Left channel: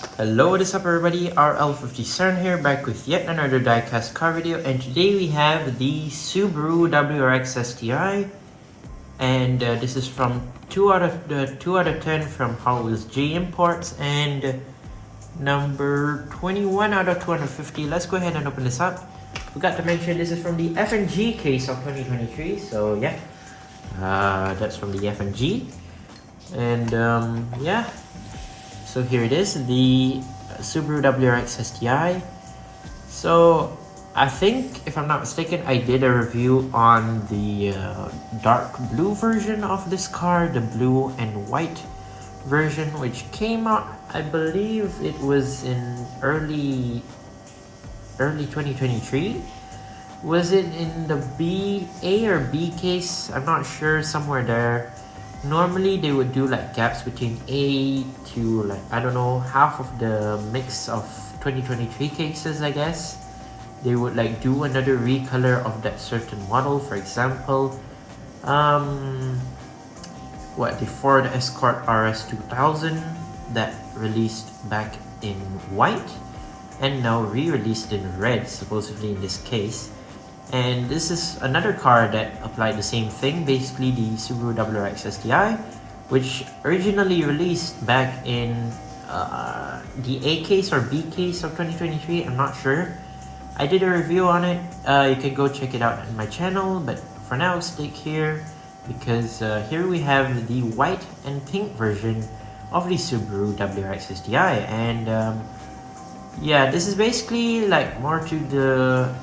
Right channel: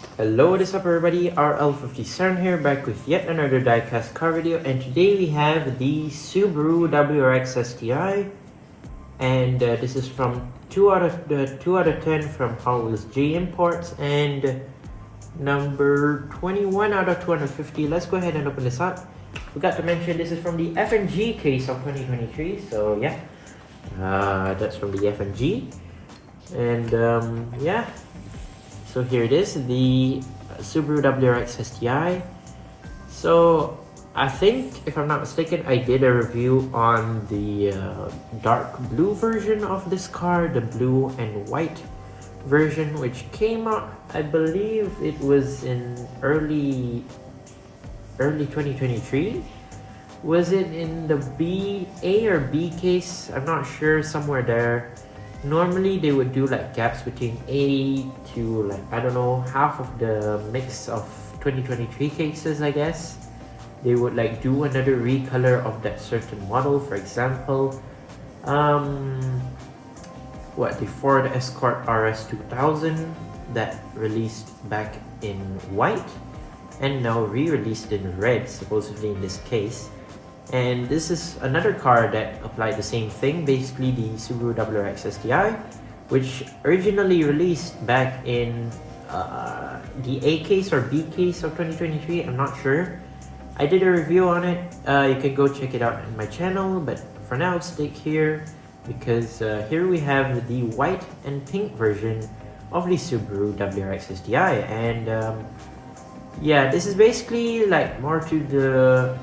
Hello, what is up everybody, RL57 here, back with yet another diecast car video, and today we have the Subaru WRX STI, and this is from 2 out of 10 from Hotwheels J Imports, and number 21 out of 250. Let's go ahead and open this up. Forgot to mention this is from the F&G case of 2023, so yeah, that's from the F&G, and yeah. So here it is, the Subaru WRX STI. So I think, if I'm not mistaken, I did a review on the dark blue version of this car, the blue and white version, which came out, I believe it was in early 2023. Was it in the A or B case? I'm not sure, somewhere there. Normally they would do like gaps between A to, like, I don't know, half of the mix of 2023 cases, I guess. They would like do another recolor of that certain model. For example, the Ford Escort RS 2000 that released back in white and now re-released in red, supposedly in this case. And this is another car that applied the same thing, basically the Subaru WRX STI, which originally released back in the A case or B case of 2023, I'm not sure. I did a review on it, you can go check it out on my channel, but for now stick here, because here we have the white and pink version of the Subaru WRX STI, and yeah, this is basically like more to the...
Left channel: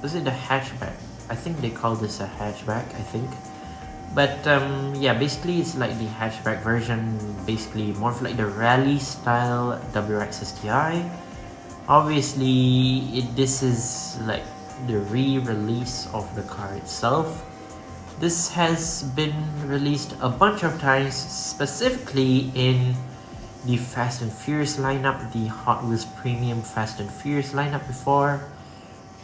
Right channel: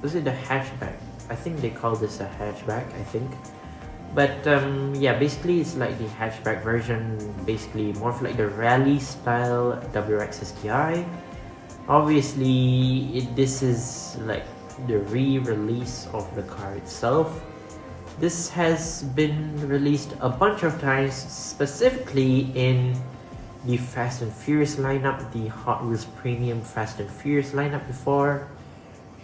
Was it the hatchback? I think they call this a hatchback, I think. But yeah, basically it's like the hatchback version, basically more of like the rally style WRX STI. Obviously, this is like the re-release of the car itself. This has been released a bunch of times, specifically in the Fast and Furious lineup, the Hot Wheels Premium Fast and Furious lineup before.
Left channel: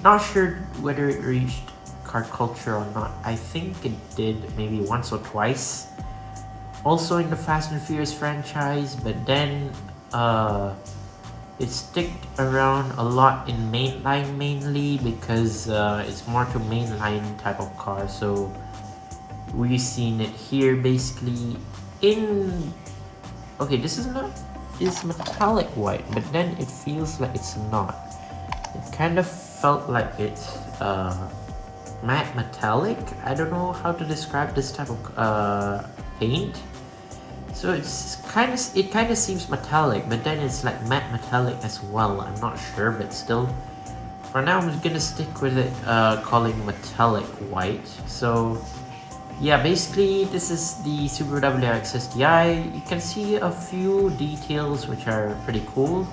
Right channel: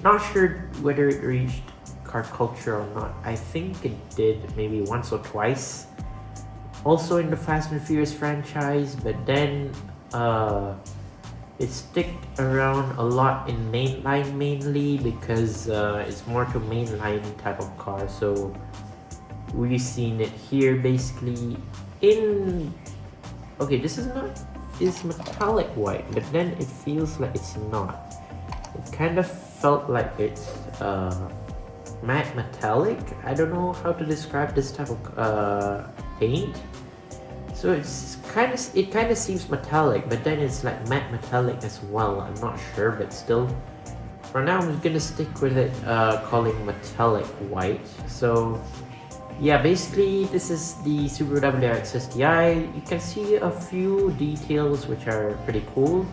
Not sure whether it reached car culture or not. I think it did maybe once or twice. Also in the Fast and Furious franchise, but then it sticked around a lot in mainline mainly because it's more to mainline type of car. So we've seen it here basically in... Okay, this is not... It's metallic white, but then it feels like it's not. It kind of felt like it's matte metallic. I don't know how to describe this type of paint. So it kind of seems metallic, but then it's like matte metallic as well. I'm not sure, but still, for now I'm gonna stick with it, calling metallic white. So yeah, basically this is the Subaru WRX STI. You can see a few details which are pretty cool.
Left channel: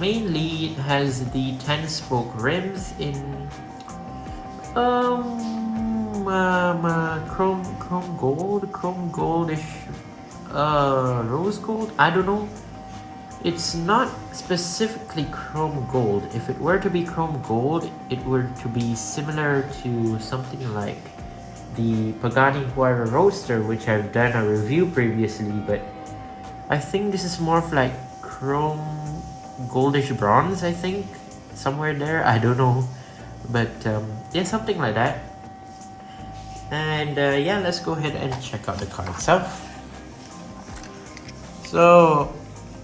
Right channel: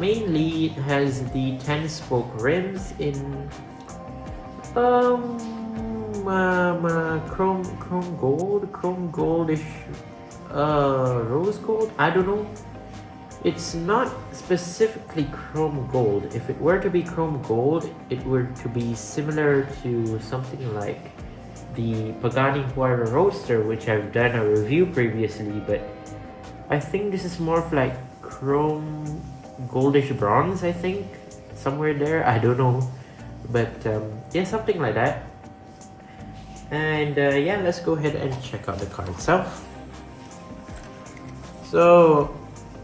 Mainly it has the 10-spoke rims in chrome goldish, rose gold. I don't know. It's not specifically chrome gold. If it were to be chrome gold, it were to be similar to something like the Pagani Huayra Roadster, which I've done a review previously. But I think this is more of like chrome goldish bronze, I think, somewhere there, I don't know, but yeah, something like that. And yeah, let's go ahead and check out the car itself. So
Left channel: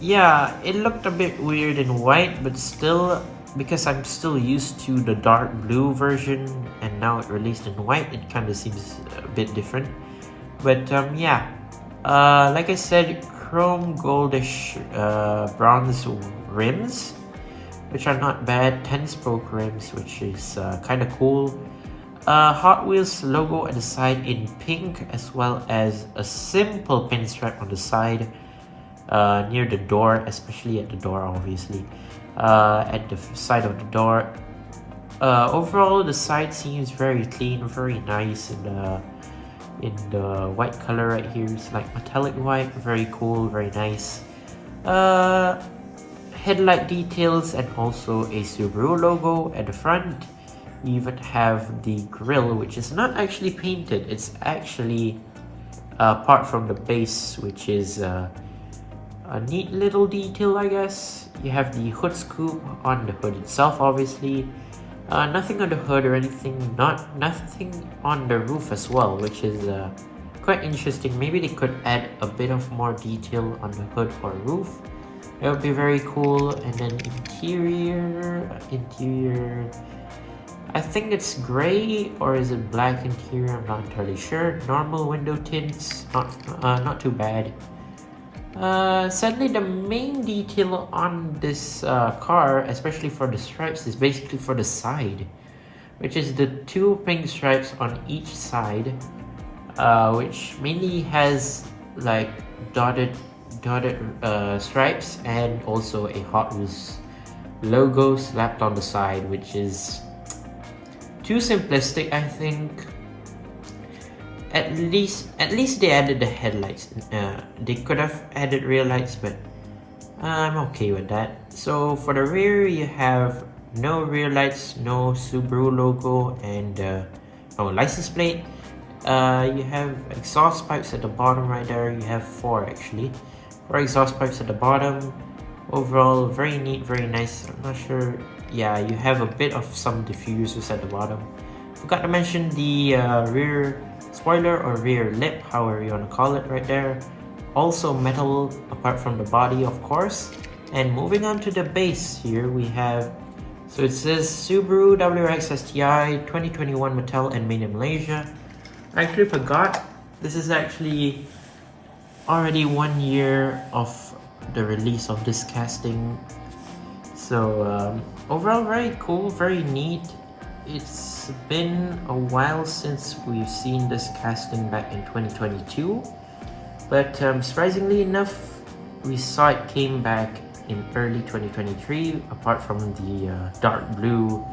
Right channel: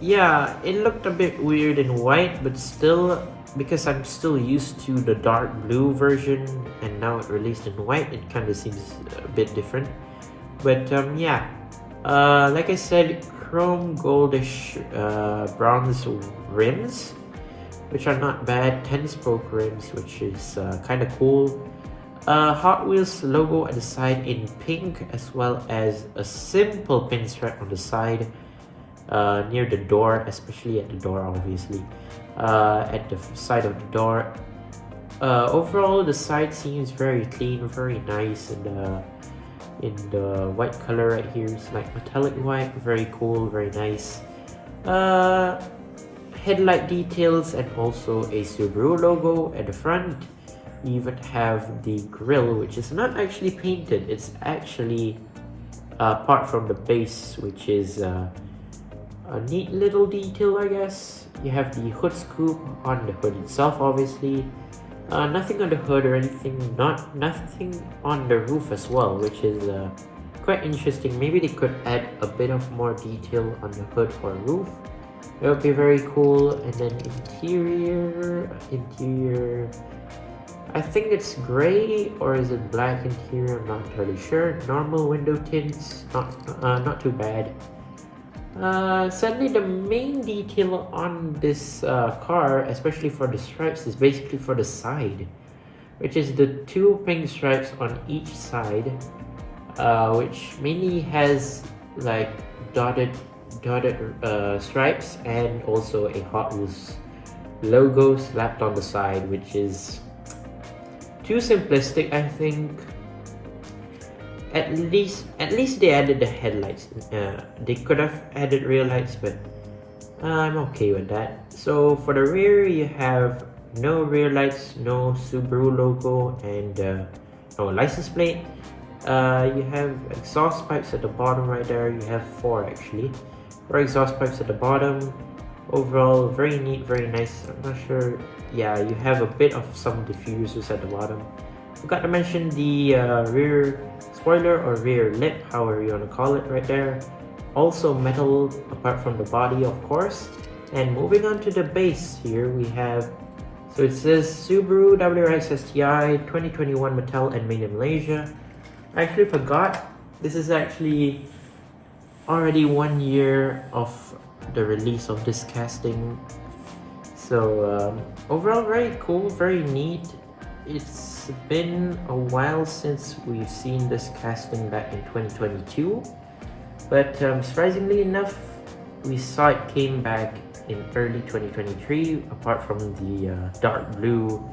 yeah, it looked a bit weird in white, but still, because I'm still used to the dark blue version and now it released in white, it kind of seems a bit different. But yeah, like I said, chrome goldish bronze rims, which are not bad. 10-spoke rims, which is kind of cool. Hot Wheels logo at the side in pink, as well as a simple pinstripe on the side near the door, especially at the door, obviously. At the side of the door. Overall, the side seems very clean, very nice, and in the white color right here, it's like metallic white, very cool, very nice. Headlight details and also a Subaru logo at the front. You even have the grille, which is not actually painted, it's actually apart from the base, which is a neat little detail, I guess. You have the hood scoop on the hood itself, obviously. Nothing on the hood or anything, nothing on the roof as well, which is quite interesting. Maybe they could add a bit of more detail on the hood or roof. It would be very cool. And then interior, I think it's gray or is it black interior? I'm not entirely sure. Normal window tints, not too bad. Sadly, the main detail on this car, especially for the stripes, is basically for the side, which is the two pink stripes on each side, which mainly has like dotted stripes and also a Hot Wheels logo slapped on the side, which is too simplistic, I think. At least they added the headlights. They could have added rear lights, but I'm okay with that. So for the rear, you have no rear lights, no Subaru logo, and no license plate. You have exhaust pipes at the bottom right there. You have four actually. Four exhaust pipes at the bottom. Overall, very neat, very nice. I'm not sure. Yeah, you have a bit of some diffusers at the bottom. Forgot to mention the rear spoiler or rear lip, however you want to call it, right there. Also metal apart from the body, of course. And moving on to the base here, we have, so it says Subaru WRX STI 2021 Mattel and made in Malaysia. I actually forgot, this is actually already 1 year of the release of this casting. So overall, very cool, very neat. It's been a while since we've seen this casting back in 2022, but surprisingly enough, we saw it came back in early 2023, apart from the dark blue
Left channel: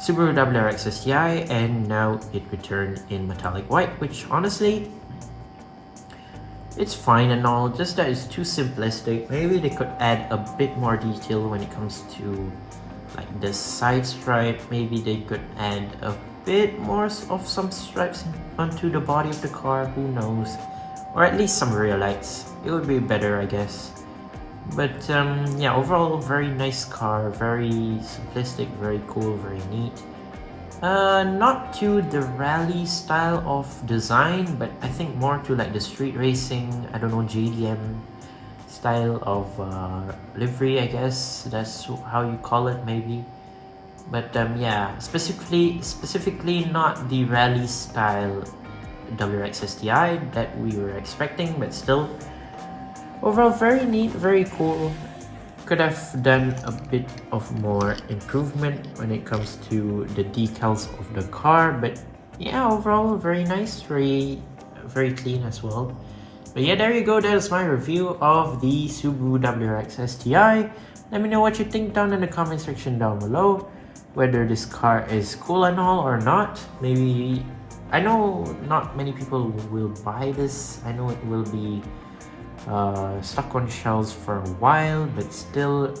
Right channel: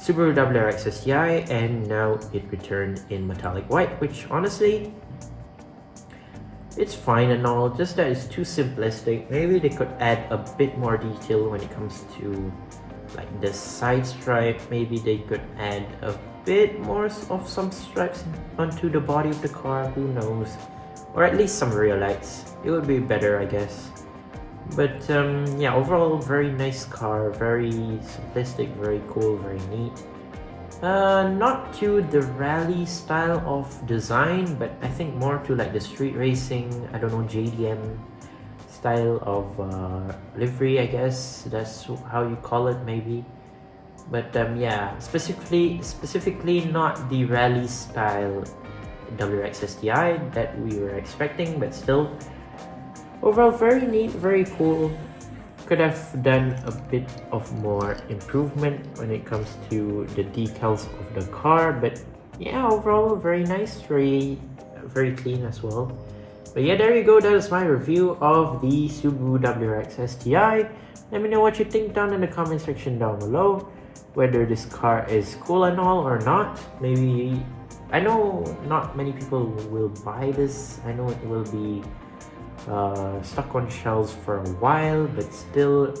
Subaru WRX STI, and now it returned in metallic white, which honestly, it's fine and all, just that it's too simplistic. Maybe they could add a bit more detail when it comes to like the side stripe. Maybe they could add a bit more of some stripes onto the body of the car, who knows, or at least some rear lights. It would be better, I guess. But yeah, overall very nice car, very simplistic, very cool, very neat. Not to the rally style of design, but I think more to like the street racing, I don't know, JDM style of livery, I guess that's how you call it, maybe. But yeah, specifically not the rally style WRX STI that we were expecting, but still overall very neat, very cool. Could have done a bit of more improvement when it comes to the decals of the car, but yeah, overall very nice, very clean as well. But yeah, there you go. That is my review of the Subaru WRX STI. Let me know what you think down in the comment section down below, whether this car is cool and all or not. Maybe, I know not many people will buy this. I know it will be stuck on shelves for a while, but still,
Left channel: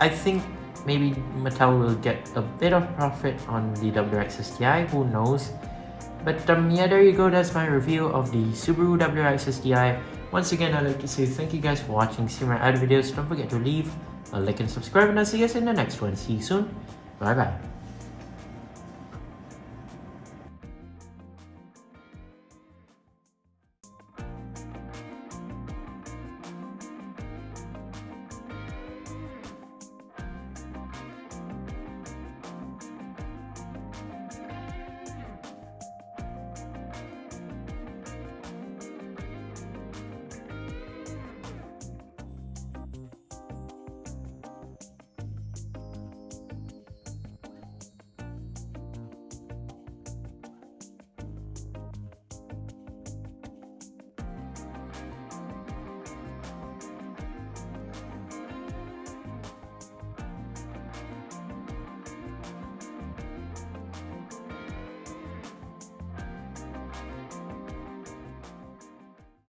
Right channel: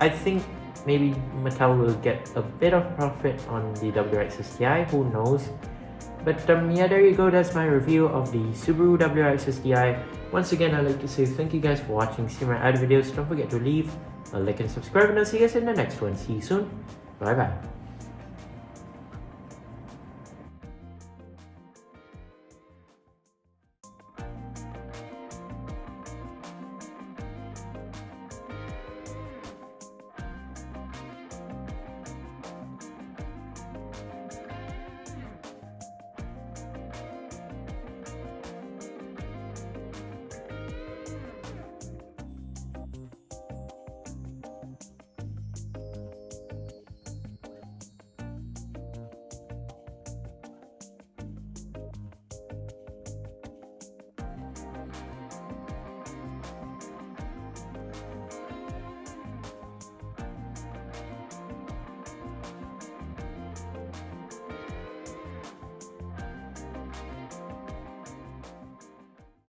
I think maybe Mattel will get a bit of profit on the WRX STI, who knows. But yeah, there you go. That's my review of the Subaru WRX STI. Once again, I'd like to say thank you guys for watching. See my other videos. Don't forget to leave a like and subscribe, and I'll see you guys in the next one. See you soon. Bye bye.